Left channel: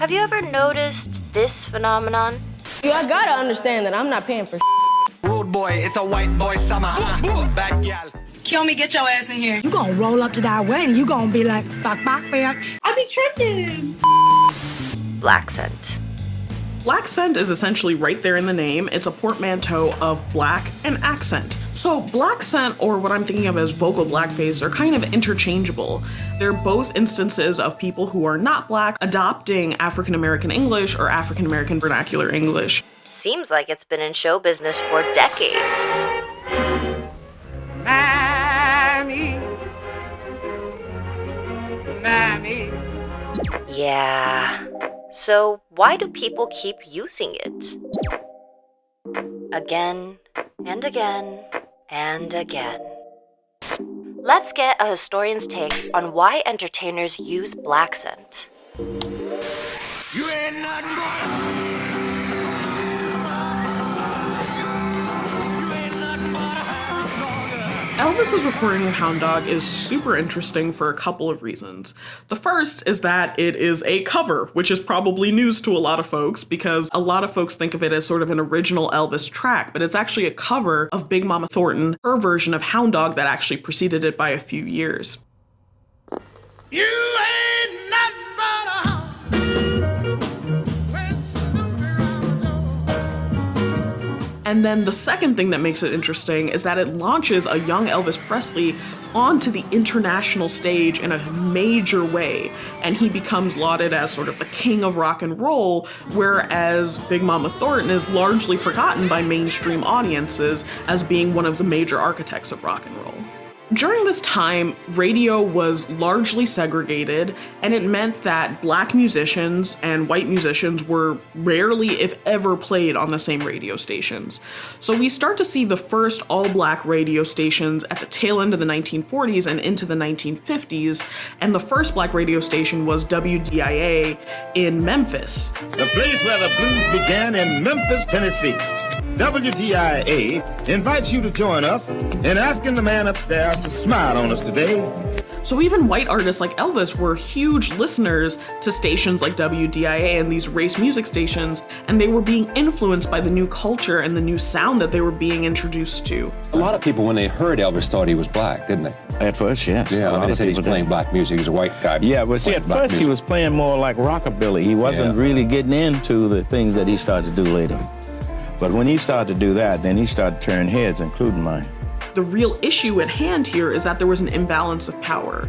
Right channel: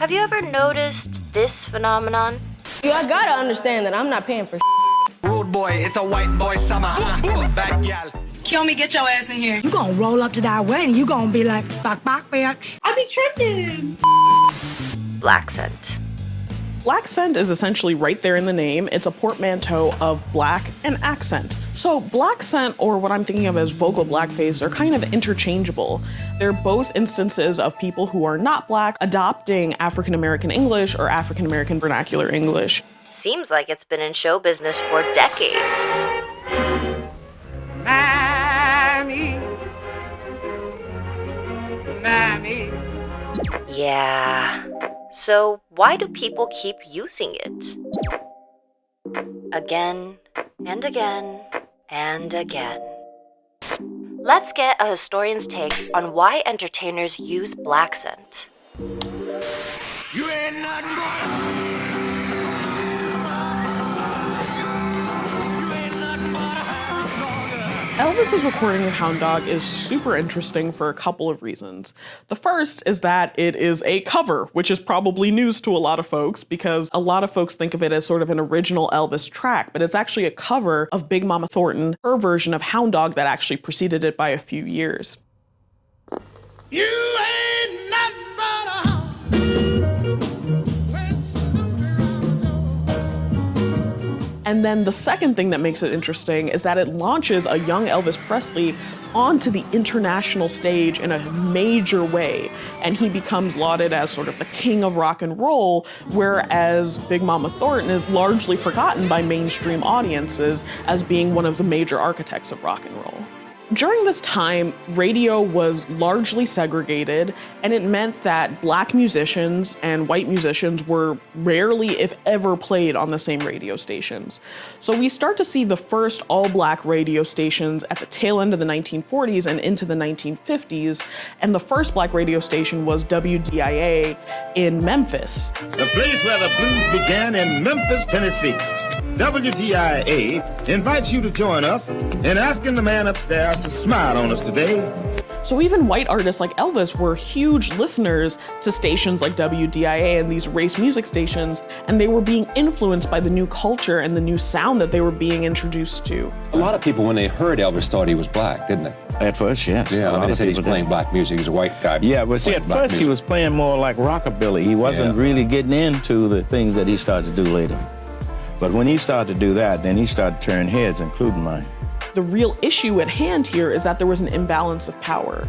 Have you ever noticed this phenomenon? I gotta understand that I'm not paying for Rude boy, it's a white boy summer. Bad gal. Kill me, get your ass in here. You gonna roll up to that wedding, you gonna be like, bak bak bitch. I be tripping. Black scent. Black scent is essentially right there in the name. It's a portmanteau of black and accent. So black scent, or what I'm thinking of as vocal blackface, are kind of interchangeable. They're both instances of people who are not black adopting African American English or African American vernacular English. Seems like it's been in show business for decades. Mammy. Yeah. So why do people keep using it? Again and again and again. Let's get a historian's take on why entertainers use black scent. You ain't nothing but Elvis's recording of Hound Dog is super interesting for a couple of reasons. The first is that it is a cover, which is probably news to a lot of folks because a lot of folks think of it as sort of an original Elvis track, but it's actually a cover of Big Mama Thornton, her version of Hound Dog that actually preceded it by a few years. You ain't nothing but a hound. And then the second thing that makes it interesting is that it launches a young Elvis Presley onto the international stage in a major way, and he becomes lauded as sort of the king of rock and roll, whereas Big Mama Thornton is largely forgotten by mainstream audiences as being one of the major architects of rock and roll. During this time, radio was largely segregated, and it meant that black musicians and white musicians were rarely, if ever, played on the same radio stations. So we start to see the first all-black radio stations at the tail end of the 1940s and into the 1950s, and the first black radio station was WDIA in Memphis. The place where the blues began in Memphis, Tennessee. WTIA invites you to join us in asking the man upstairs to smile on us today. So even white artists like Elvis were huge listeners to stations like WDIA and these race music stations, and they were being influenced by the new culture and the new sound that they were being introduced to. A lot of people, when they heard Elvis, thought he was black, didn't they? At first, yes. Yeah, they said he's playing black music. He's a white guy. Yeah, but see, at first he was playing more like rockabilly. He wasn't really getting into the things that he started to do later. But when he started to do that, then he started to turn heads, including mine. The real issue at hand here is that there was an imbalance of power.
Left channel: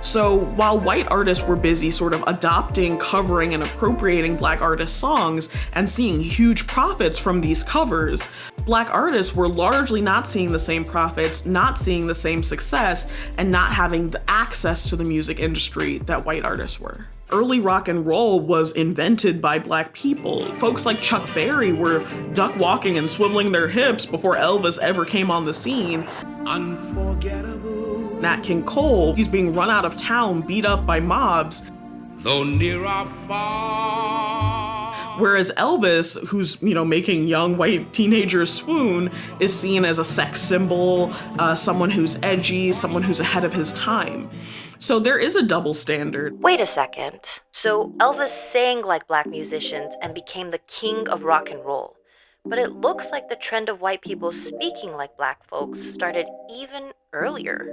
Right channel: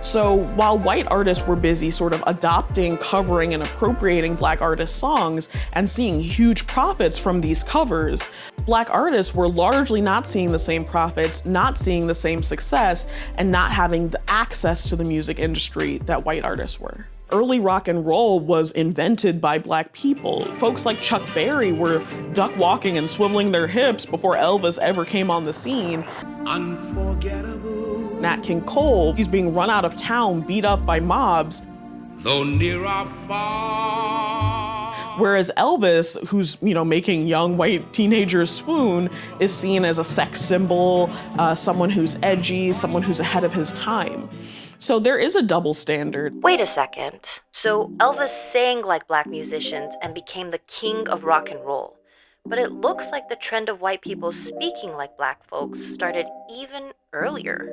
So while white artists were busy sort of adopting, covering, and appropriating black artists' songs and seeing huge profits from these covers, black artists were largely not seeing the same profits, not seeing the same success, and not having the access to the music industry that white artists were. Early rock and roll was invented by black people. Folks like Chuck Berry were duck walking and swiveling their hips before Elvis ever came on the scene. Unforgettable. Nat King Cole, he's being run out of town, beat up by mobs. Though near or far. Whereas Elvis, who's, making young white teenagers swoon, is seen as a sex symbol, someone who's edgy, someone who's ahead of his time. So there is a double standard. Wait a second. So Elvis sang like black musicians and became the king of rock and roll. But it looks like the trend of white people speaking like black folks started even earlier.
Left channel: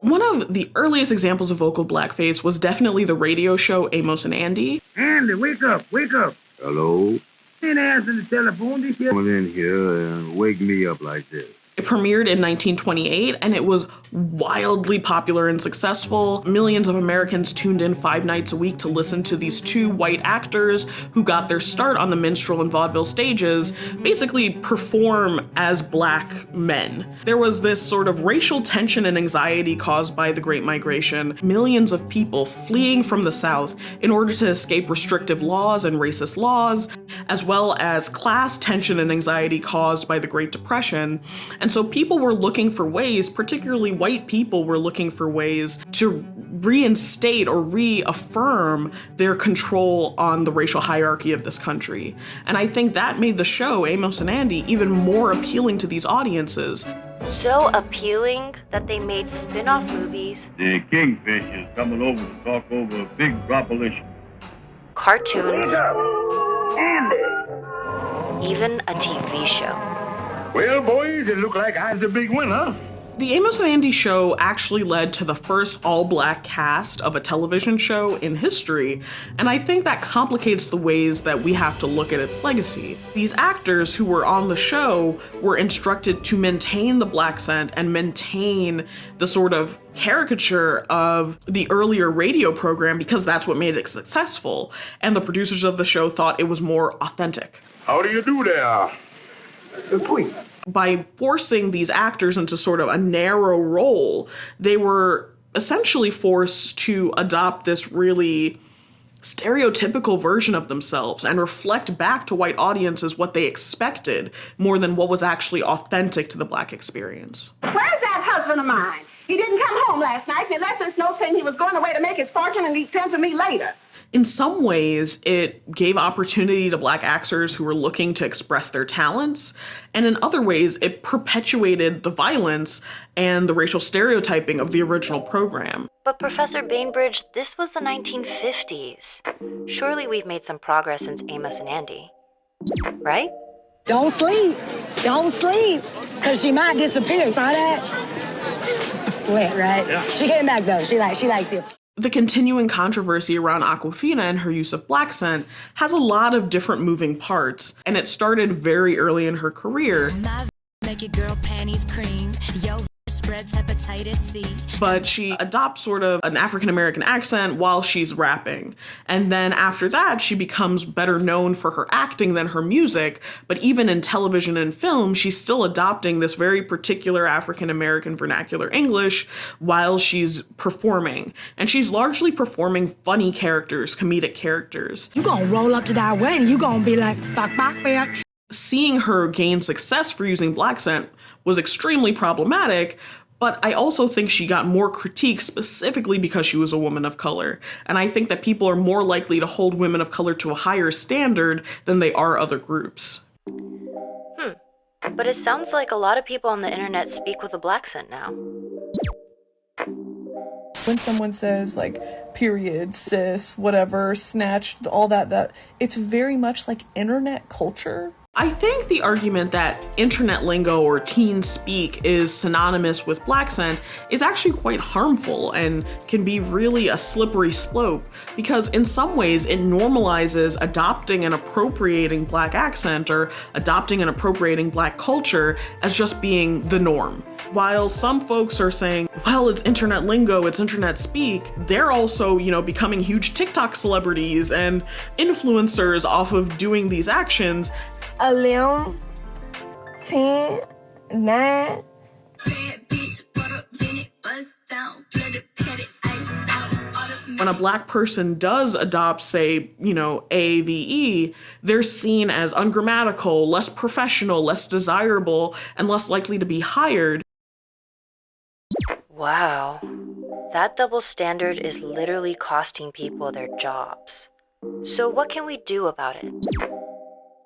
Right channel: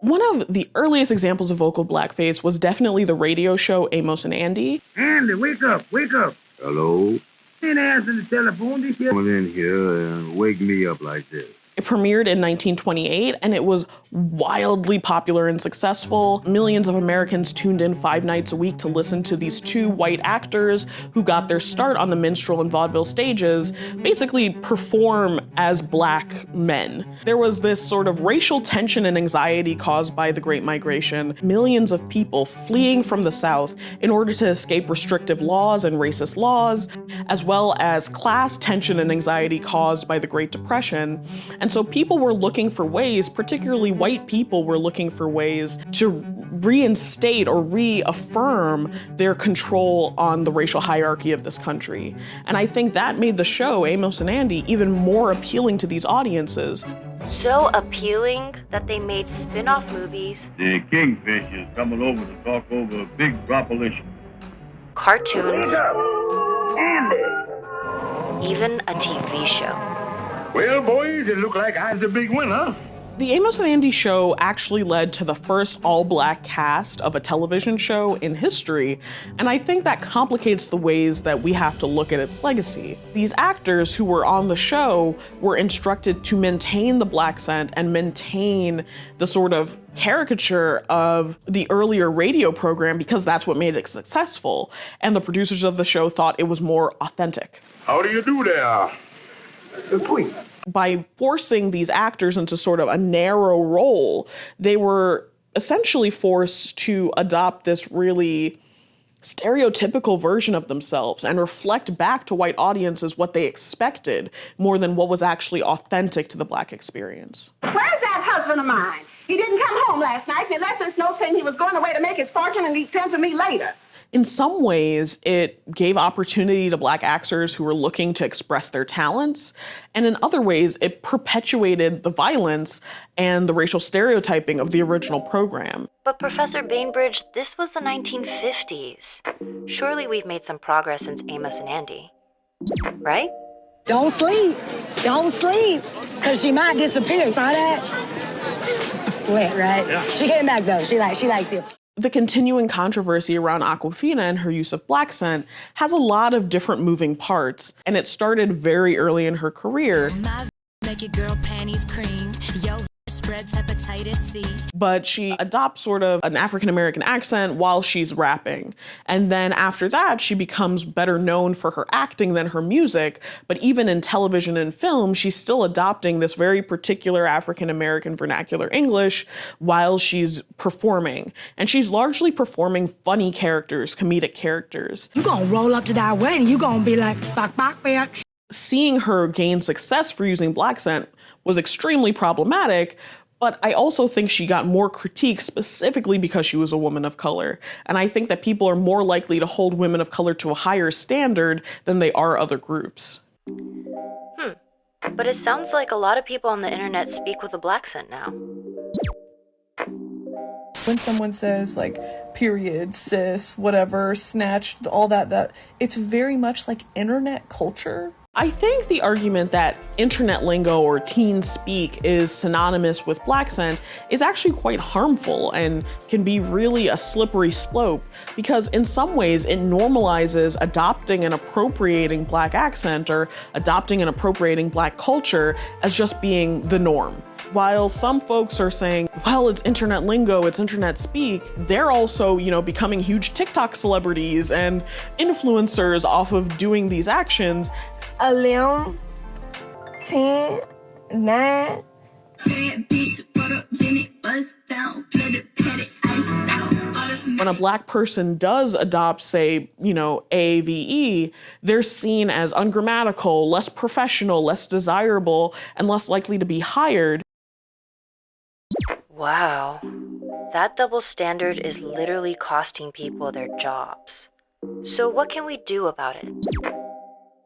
One of the earliest examples of vocal blackface was definitely the radio show Amos and Andy. Andy, wake up, wake up. Hello? Ain't answering the telephone. This here. Come in here and wake me up like this. It premiered in 1928, and it was wildly popular and successful. Millions of Americans tuned in 5 nights a week to listen to these two white actors who got their start on the minstrel and vaudeville stages basically perform as black men. There was this sort of racial tension and anxiety caused by the Great Migration. Millions of people fleeing from the South in order to escape restrictive laws and racist laws, as well as class tension and anxiety caused by the Great Depression. And so people were looking for ways, particularly white people were looking for ways to reinstate or reaffirm their control on the racial hierarchy of this country. And I think that made the show, Amos and Andy, even more appealing to these audiences. So appealing that they made spin-off movies. The Kingfish is coming over to talk over a big proposition. cartoons, Wake up, Andy. even a TV show. Well, boys, it look like I's the big winner. The Amos and Andy show actually led to the first all-black cast of a television show in history, and I think that complicates the ways that we have to look at its legacy. These actors who were on the show were instructed to maintain the black scent and maintain the sort of caricature of the earlier radio program because that's what made it successful, and the producers of the show thought it was more authentic. How do you do there? Sweet. By forcing these actors into sort of a narrow role, they were essentially forced to adopt this really stereotypical version of themselves and reflect back to white audiences what they expected more than what was actually authentic to the black experience. Where's that husband of mine? He didn't come home last night, and he left us note saying he was going away to make his fortune and he'd send to me later. In some ways, it gave opportunity to black actors who were looking to express their talents, and in other ways, it perpetuated the violence and the racial stereotyping of the original program. But Professor Bainbridge, this was the 1950s. Surely we've made some progress since Amos and Andy, right? Don't sleep. Don't sleep. Because she might disappear. Saw that? Sweat, right? Yeah. She came back, though. She likes you. The continuing controversy around Awkwafina and her use of black scent has a lot of different moving parts, and it started very early in her career. Make your girl panties cream. Yo, spreads hepatitis C. But she adopts sort of an African-American accent while she's rapping. And then after that, she becomes better known for her acting than her music. But even in television and film, she's still adopting this very particular African-American vernacular English while she's performing. And she's largely performing funny characters, comedic characters. You gonna roll up to that wedding, you gonna be like, bak bak, bitch. Seeing her gain success for using black scent was extremely problematic, but I also think she got more critique specifically because she was a woman of color. And I think that people are more likely to hold women of color to a higher standard than they are other groups. But it sounds like a lot of people on the internet speak with a black scent now. When someone says like period, cis, whatever, snatched, all that it's very much like internet culture. I think the argument that internet lingo or teen speak is synonymous with black scent is actually quite harmful and can be really a slippery slope because in some ways it normalizes adopting and appropriating black accent or adopting and appropriating black culture as just being the norm. While some folks are saying, well, it's internet lingo, it's internet speak, they're also, becoming huge TikTok celebrities and influencers off of doing these actions. 11, 10, 9. When a black person does adopt, say, AAVE, they're seen as ungrammatical, less professional, less desirable, and less likely to be hired. Wow. That double standard is literally costing people their jobs. So what can we do about it?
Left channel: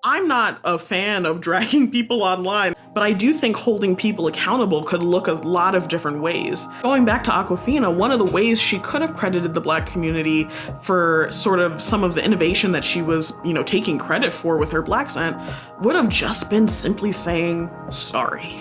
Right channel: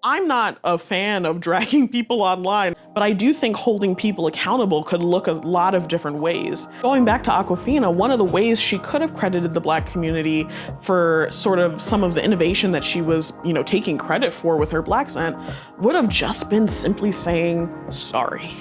I'm not a fan of dragging people online, but I do think holding people accountable could look a lot of different ways. Going back to Awkwafina, one of the ways she could have credited the black community for sort of some of the innovation that she was, taking credit for with her black scent would have just been simply saying sorry.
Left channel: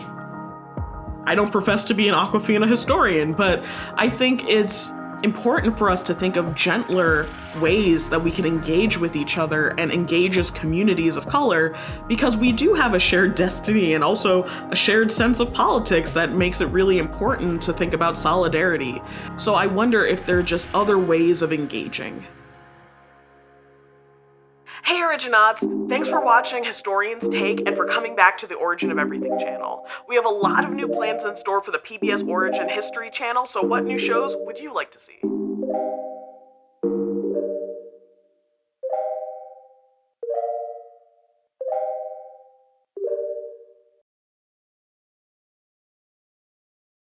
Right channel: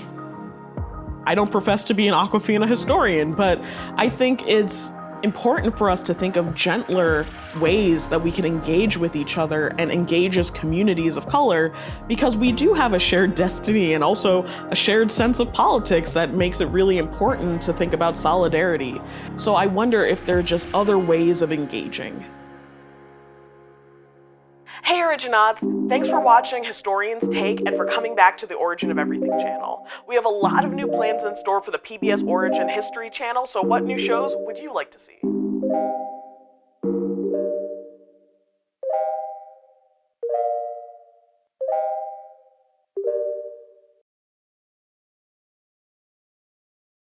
I don't profess to be an Awkwafina historian, but I think it's important for us to think of gentler ways that we can engage with each other and engage as communities of color, because we do have a shared destiny and also a shared sense of politics that makes it really important to think about solidarity. So I wonder if there are just other ways of engaging. Hey Originauts, thanks for watching Historian's Take and for coming back to the Origin of Everything channel. We have a lot of new plans in store for the PBS Origin History channel, so what new shows would you like to see?